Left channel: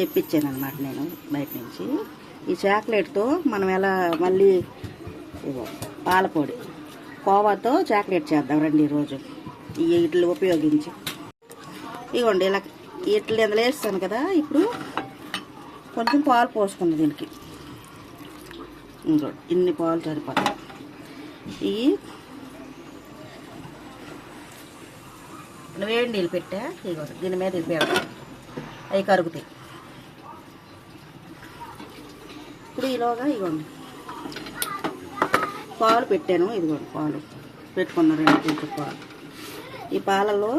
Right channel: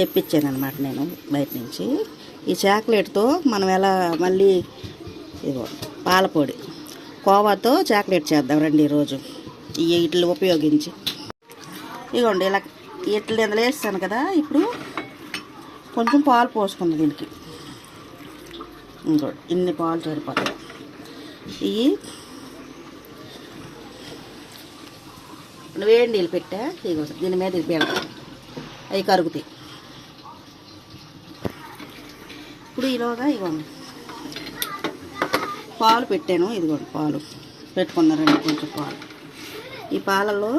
తెప్పించాను అనమాట నేను బయట నుంచి. ఈ చాక్లెట్తో మనం ఎలా మళ్ళీ ఇదిగో పాలపొడి కోవాతో చాక్లెట్ చేద్దాం రండి ఈరోజు ఈ ఇట్లు ఉపయోగించి. ఇదిగోండి ఇలా ఇట్లు ఇందులో వేస్తాను కదా. ఇప్పుడు కొంచెం పాలు పోసుకుంది దీనికి. ఇంకోటి ఇన్ని పాలు సరిపోతాయి. ఇవి వేడి నీళ్ళు పెట్టా. ఇగో దీని మీద ఇది పెడతాం, అవి కరుగుతాయి. ఇప్పుడు ఈలోగా ఇదిగోండి పాలు పెట్టాను. ఇదిగోండి పాలు పెట్టుకున్నారండి, కొంచెం పాలు. ఈ పాలలో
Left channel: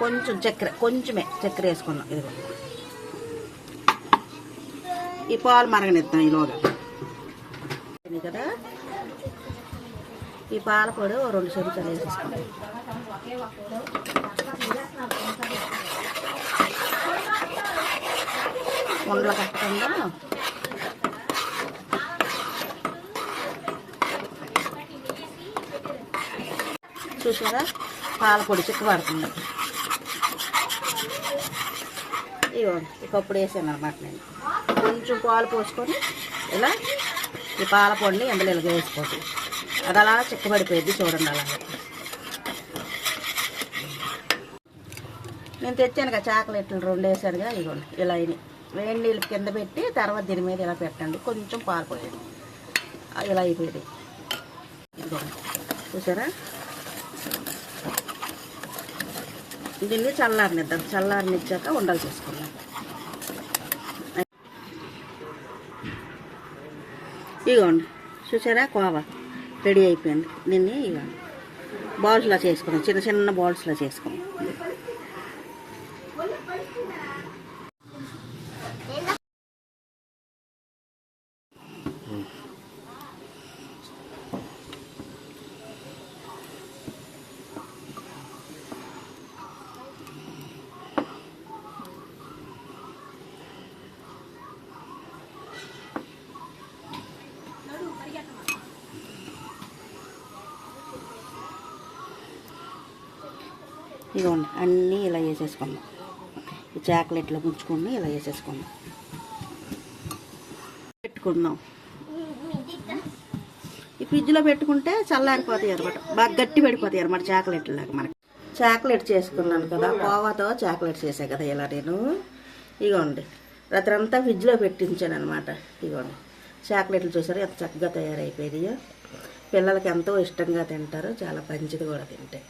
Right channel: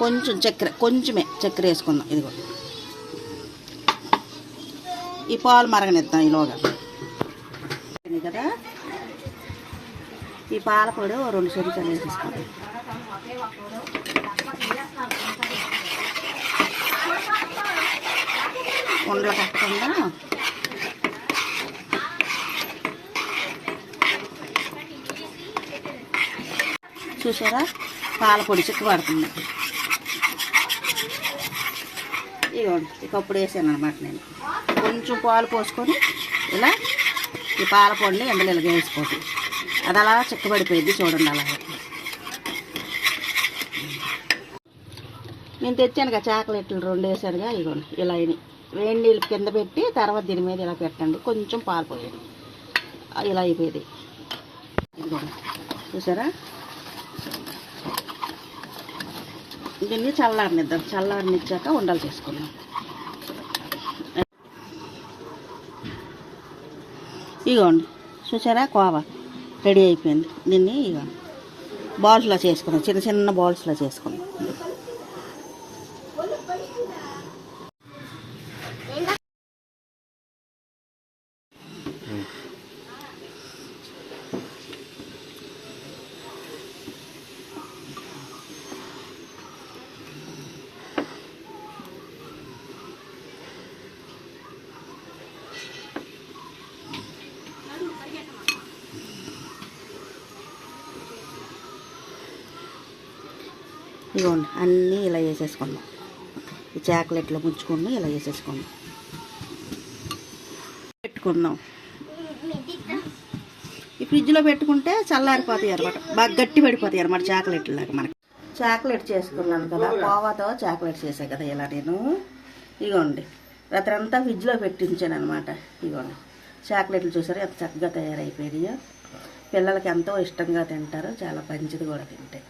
కొంచెం చక్కెర, కొంచెమే చక్కెర వేసుకున్నాం. ఇదిగో ఈ పాలు మరగనిద్దాం ఈలోగా కదా. ఈ పాల పొడి 2 చెంచాలు వేసేసుకుంటాం. ఉండలు కట్టకుండా చూసారా పాల పొడి చిక్కబడుతుంది. ఇదిగోండి ఒకప్పుడు వేసాను అనమాట నేను. కొంచెం పాలు పోసుకొని ఇలా ఈ పాల పొడిని ఎందులో ఇలా వేసుకోండి. అది అలా చిక్కబడిపోయింది చూడండి. అలాగే నేను తెచ్చాను కదా చాక్లెట్లు 2 వేసానుగా. ఇదిగోండి ఇలా వేడి నీళ్ళు కింద పెట్టి తర్వాత దీని మీద ఇలా పెట్టండి. కొంచెం పాలు పోయండి, ఇలా అయిపోయింది. ఇదిగోండి చూసారా. దీన్ని చల్లారనిద్దాం. చల్లారనిచ్చాక ఉండలు చేసుకున్నాం. ఇదిగోండి చూసారా కోవా రెడీ అయిపోయింది. దీన్ని ఇక బాల్స్లో చేసుకున్నాం, చిన్న చిన్న బాల్స్లో చేసుకున్నాం. ఇదిగోండి అన్నీ ఇలా వేసేసుకున్నాం. ఈ చాక్లెట్లో ముంచుకొని ఇలా వేసేసుకున్నాం, పెట్టుకున్నాం. ఈ ఫ్రిడ్జ్లో పెట్టుకుంటే చల్లారిపోతాయి అనమాట, బాగా గట్టి పడిపోతాయి అనమాట చాక్లెట్లు లాగా. మనకి చాక్లెట్ చేసుకున్నాను కదా, కోవాతో చాక్లెట్ చేసా కదా ఇలా నేను. ఇదిగోండి రాత్రి అంతా ఫ్రిడ్జ్లో పెట్టించాను అనమాట. ఇదిగోండి చాక్లెట్లు చూసారు ఎంత చక్కగా తయారైపోయాయో. పిల్లలకి ఎంతో ఇష్టంగా తింటారు, చాలా మంచిది కూడా తింటే.